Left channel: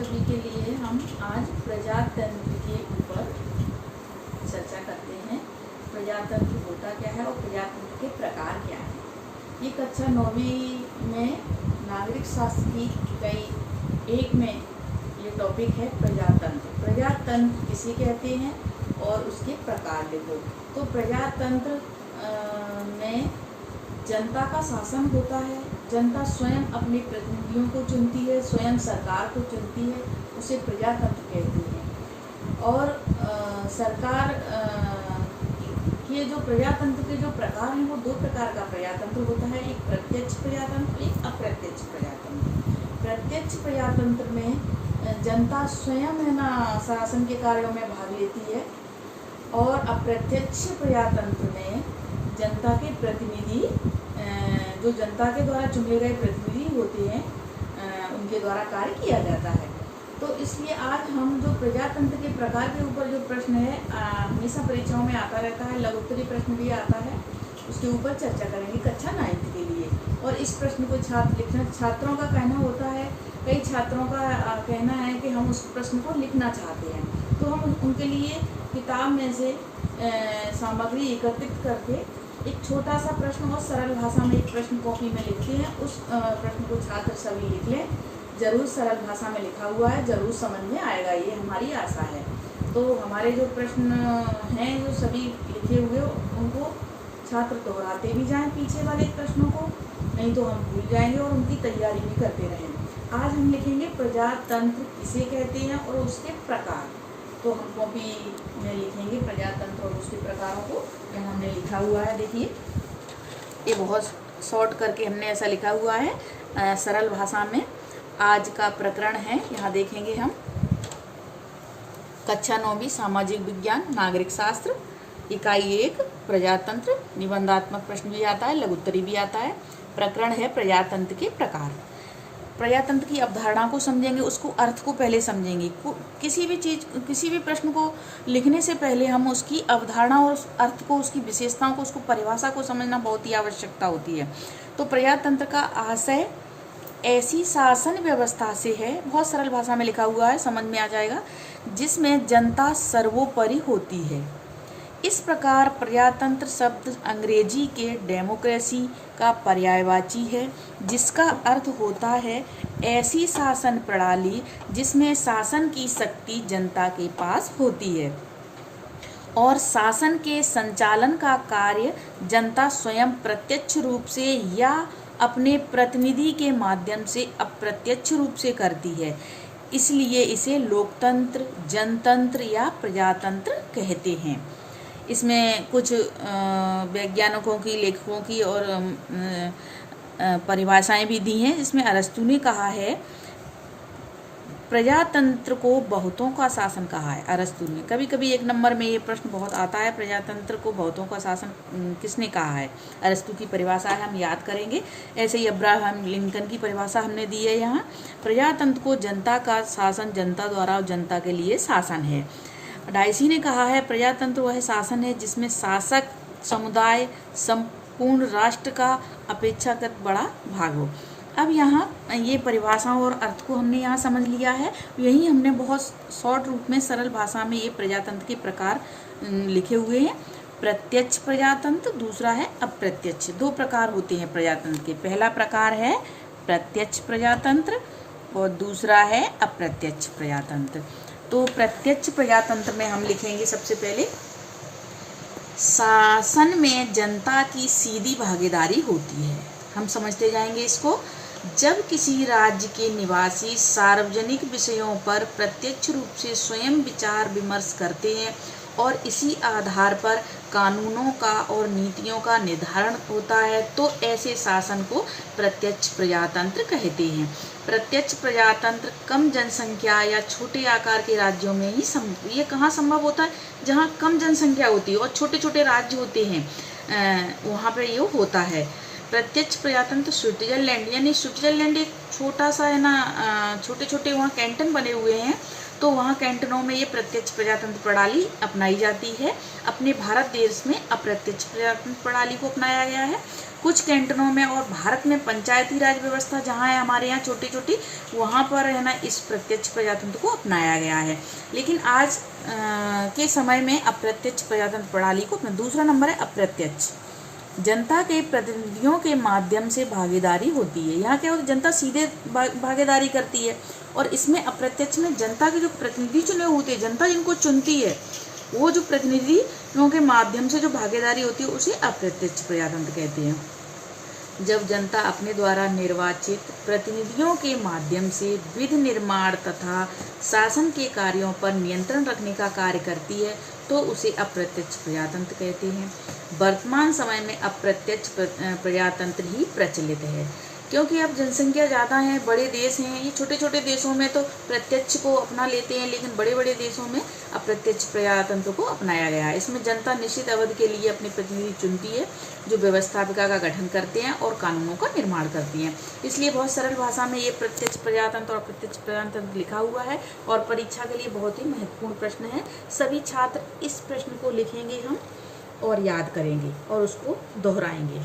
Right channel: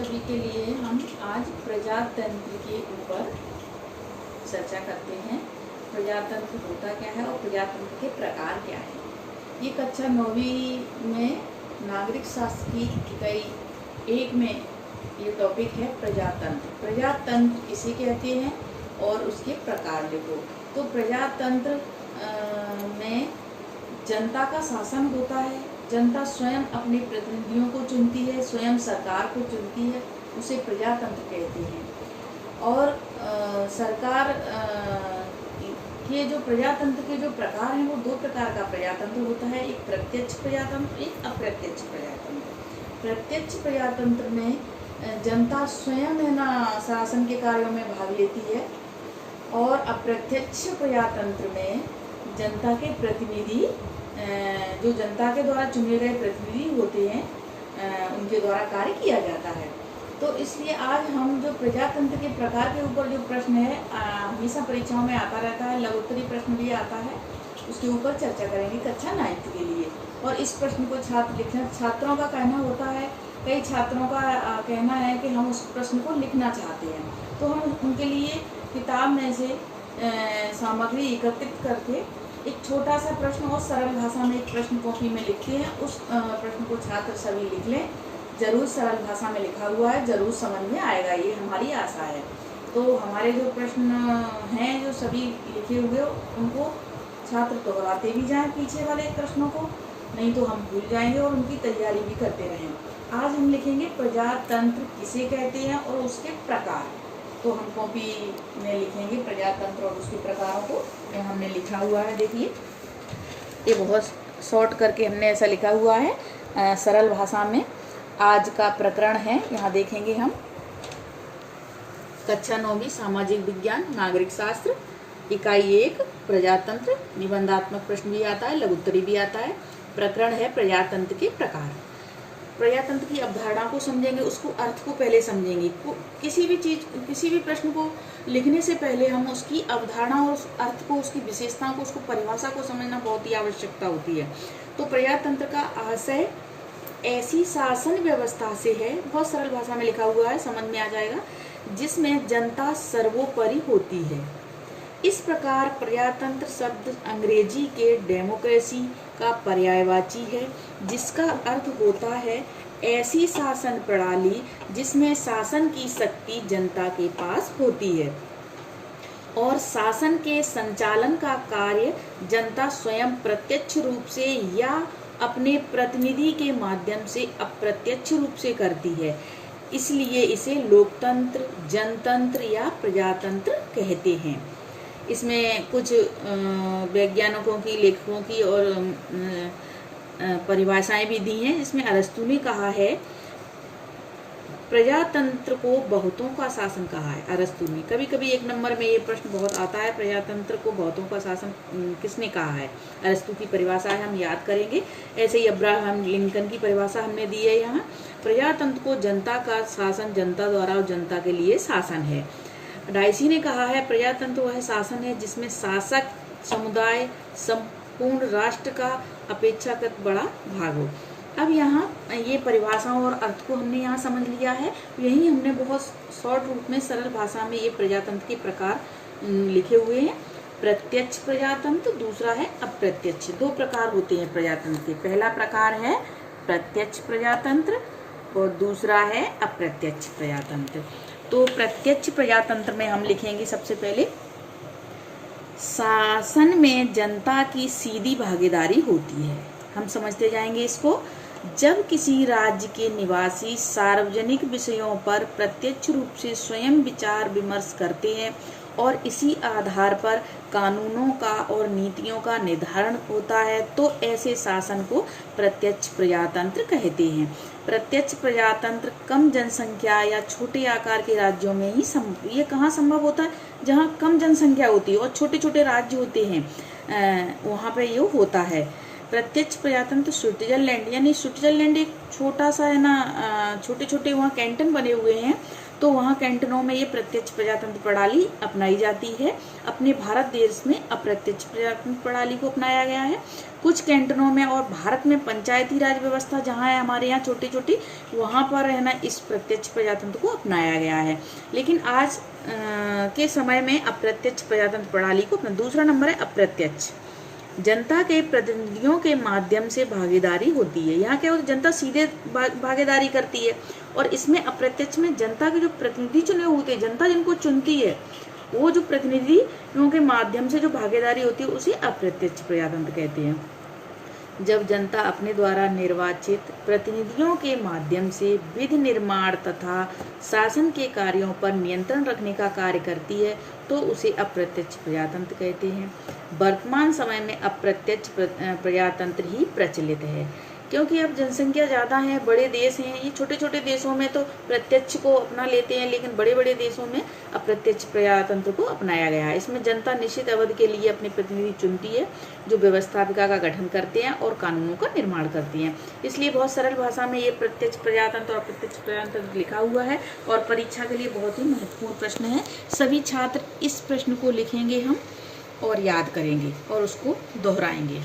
सभी के लिए हम आज प्रजातंत्र के ऊपर चर्चा करते हैं। प्रजातंत्र होता क्या है और प्रजातंत्र के प्रकार क्या है। ये कक्षा 9वीं में नागरिक शास्त्र की इकाई 1 में ये टॉपिक है प्रजातंत्र। प्रजातंत्र किसे कहते हैं और उसके प्रकार लिखो। तो प्रजातंत्र में जनता का शासन होता है। जनता स्वयं अपने प्रतिनिधियों को चुनती है, स्वयं सरकार को चुनती है, उसे प्रजातंत्र कहते हैं। और सरकार के जो प्रजातंत्र के जो प्रकार हैं वो 2 प्रकार का प्रजातंत्र होता है, एक प्रत्यक्ष प्रजातंत्र, एक अप्रत्यक्ष प्रजातंत्र। प्रत्यक्ष प्रजातंत्र में जनता स्वयं है ना शासन के कार्यों में भाग लेती है, और अप्रत्यक्ष प्रजातंत्र में जनता के प्रतिनिधि जो जनता के द्वारा चुने गए प्रतिनिधि होते हैं उनके द्वारा कार्य किया जाता है। तो इसलिए आज हम जो प्रजातंत्र के प्रकार के ऊपर जो प्रश्न है हमेशा परीक्षाओं में आता रहता है, लघुत्तरी प्रश्न भी आता है, उसके ऊपर चर्चा करेंगे कक्षा 9th के लिए। और इस प्रश्न को छात्रों का कहना होता है, कई छात्रों का कहना है कि हम उस प्रश्न को लिखना चाहते हैं, तो हम उनके लिए किताब में से सामग्री एकत्रित करके एक छोटा सा प्रश्न और सरल भाषा में एक प्रश्न कॉपी में लिखते हैं। उस प्रश्न को छात्र सभी लिख लें। जरूर सरल भाषा में लिखा हुआ है, जरूर समझ में आएगा, ये हमारी आशा है। तो हमारे जो प्रश्न हैं जो सभी लिखे हुए उनको छात्र दोहराते भी जाएं पीछे वाले प्रश्नों को, नहीं तो हम भूल जाएंगे और उनकी तैयारी भी करते रहें। आज हम लिखेंगे प्रजातंत्र किसे कहते हैं और उसके प्रकार। तो हम कॉपी में लिखेंगे प्रजातंत्र और उसके प्रकारों को। यहाँ हमने लिखा हुआ है, देखिए ये बहुत शॉर्ट करके हमने ऐसा लिखा हुआ है सरल भाषा में। आज का प्रकरण है, यहाँ देखेंगे हम कक्षा 9वीं सामाजिक विज्ञान नागरिक शास्त्र इकाई 1 प्रजातंत्र। निबंधात्मक प्रश्न भी आता है, लघुत्तरी भी आता है। प्रकरण है प्रजातंत्र के प्रकार। प्रजातंत्र की अवधारणा को समझेंगे, उसको अर्थ को पहले समझेंगे। किसी भी प्रश्न को लिखने से पहले हम उसकी अवधारणा और उस अर्थ को, उसकी विशेषताओं को, उसको परिभाषा को समझना बहुत ही आवश्यकता होती है। तो प्रजातंत्र का आशय ऐसी शासन व्यवस्था से है, बहुत सरल भाषा में लिखा हुआ है, समझ में आ जाएगा, जिसमें जनता सर्वोपरि होती है। इस प्रकार प्रजातंत्र शब्द अंग्रेजी के डेमोक्रेसी का पर्यायवाची है, जिसका अर्थ होता है ऐसी शासन प्रणाली जिसमें शासन की शक्ति जनता के पास होती है और शासन के संचालन का कार्य जनता स्वयं प्रत्यक्ष रूप से या अपने प्रतिनिधि के माध्यम से अप्रत्यक्ष रूप से करती है। इसलिए इसे लोकतंत्र, जनतंत्र या प्रजातंत्र कहते हैं। इसमें कुछ वैज्ञानिकों की, लेखकों की और परिभाषाएं भी दी हैं, जिसमें अरस्तु ने कहा है प्रजातंत्र को बहुतों का शासन कहा है। अरस्तु ने, कभी कभी 1 नंबर में ये प्रश्न बहुत आता है, प्रजातंत्र को बहुतों का शासन किसने कहा है। अरस्तु की परिभाषा है, हम याद करेंगे। ऐसे ही अब्राहम लिंकन की परिभाषा हमने दी है यहाँ। प्रजातंत्र को जनता का शासन, जनता द्वारा और जनता के लिए शासन है। डाइसी ने कहा है प्रजातंत्र वह शासन है जिसमें शासक समुदाय संपूर्ण राष्ट्र का अपेक्षाकृत बड़ा भाग हो। अब यहाँ ये परिभाषाओं और अर्थ को हमने यहाँ समझ लिया है। यही हमने बहुत शॉर्ट रूप में सरल भाषा में ये प्रजातंत्र के प्रकार लिखे हुए हैं। प्रत्यक्ष प्रजातंत्र, दूसरा है अप्रत्यक्ष। 2 प्रकार होते हैं प्रजातंत्र के। पहला प्रकार है प्रत्यक्ष प्रजातंत्र और दूसरा है अप्रत्यक्ष प्रजातंत्र। तो प्रत्यक्ष प्रजातंत्र में हम लिखेंगे सबसे पहले शासन में जनता की सीधी भागीदारी होती है। हम समझते जाएंगे इसको। जब किसी राज्य के निवासी सार्वजनिक विषयों पर प्रत्यक्ष रूप से स्वयं विचार विमर्श करते हैं और इसी आधार पर कानूनों का और नीतियों का निर्धारण होता है, तो ऐसे शासन को प्रत्यक्ष प्रजातंत्र कहते हैं। प्रत्यक्ष प्रजातंत्र कम जनसंख्या या छोटे आकार के राज्यों में ही ये कहाँ संभव होता है, जहाँ कम जनसंख्या होती है और छोटे छोटे राज्य होते हैं, वहाँ पे ये होता है। प्रत्यक्ष प्रजातंत्र स्विट्जरलैंड, यानी स्विट्जरलैंड एक छोटा सा है ना, छोटे छोटे वहाँ कैंटन बने हुए हैं, तो वहाँ कैंटनों में ये प्रत्यक्ष प्रजातंत्र प्रणाली अपनाई जाती है। अपने भारत देश में अप्रत्यक्ष प्रजातंत्र प्रणाली को अपनाया गया है। कुछ कैंटनों में और भारत में पंचायती राज व्यवस्था जहाँ है हमारे यहाँ छोटी छोटी, वहाँ पर है ना इस प्रत्यक्ष प्रजातंत्र को अपनाया गया है। लेकिन आज के समय में अप्रत्यक्ष प्रजातंत्र प्रणाली को अपना दूसरा नंबर है अप्रत्यक्ष। जनता के प्रतिनिधियों के माध्यम से भागीदारी होती है। यहाँ क्या होता है, जनता सीधे भागीदारी करती है, और इसमें अप्रत्यक्ष में जनता के जो प्रतिनिधि चुने होते हैं, जनता जिनको चुनती है, वो जो प्रतिनिधियों के माध्यम से जो भागीदारी होती है उसे अप्रत्यक्ष प्रजातंत्र कहते हैं। जब जनता अपने द्वारा निर्वाचित प्रतिनिधियों के माध्यम से विधि निर्माण तथा शासन के कार्यों पर नियंत्रण रखने का कार्य करती है तो उसे अप्रत्यक्ष प्रजातंत्र कहते हैं। वर्तमान समय में अप्रत्यक्ष प्रजातंत्र ही प्रचलित है, क्योंकि अब जनसंख्या ज़्यादा है, बड़े देश हैं। ये छोटे छोटे देशों में तो प्रत्यक्ष को अपना लेते हैं, लेकिन बड़े बड़े देशों में अप्रत्यक्ष प्रजातंत्र को अपनाया गया है। इसमें जनता निश्चित अवधि के लिए अपने प्रतिनिधि चुनती है, जो व्यवस्थापिका का गठन करते हैं और कानूनों का निर्माण करती हैं। इसलिए बहुत सरल भाषा में ये प्रत्यक्ष प्रजातंत्र और अप्रत्यक्ष प्रजातंत्र लिखा हुआ है, और परीक्षा के लिए बहुत ही महत्वपूर्ण प्रश्न है। सभी छात्र इस प्रश्न को लिखेंगे हम और याद करेंगे और उसको दोहराएंगे।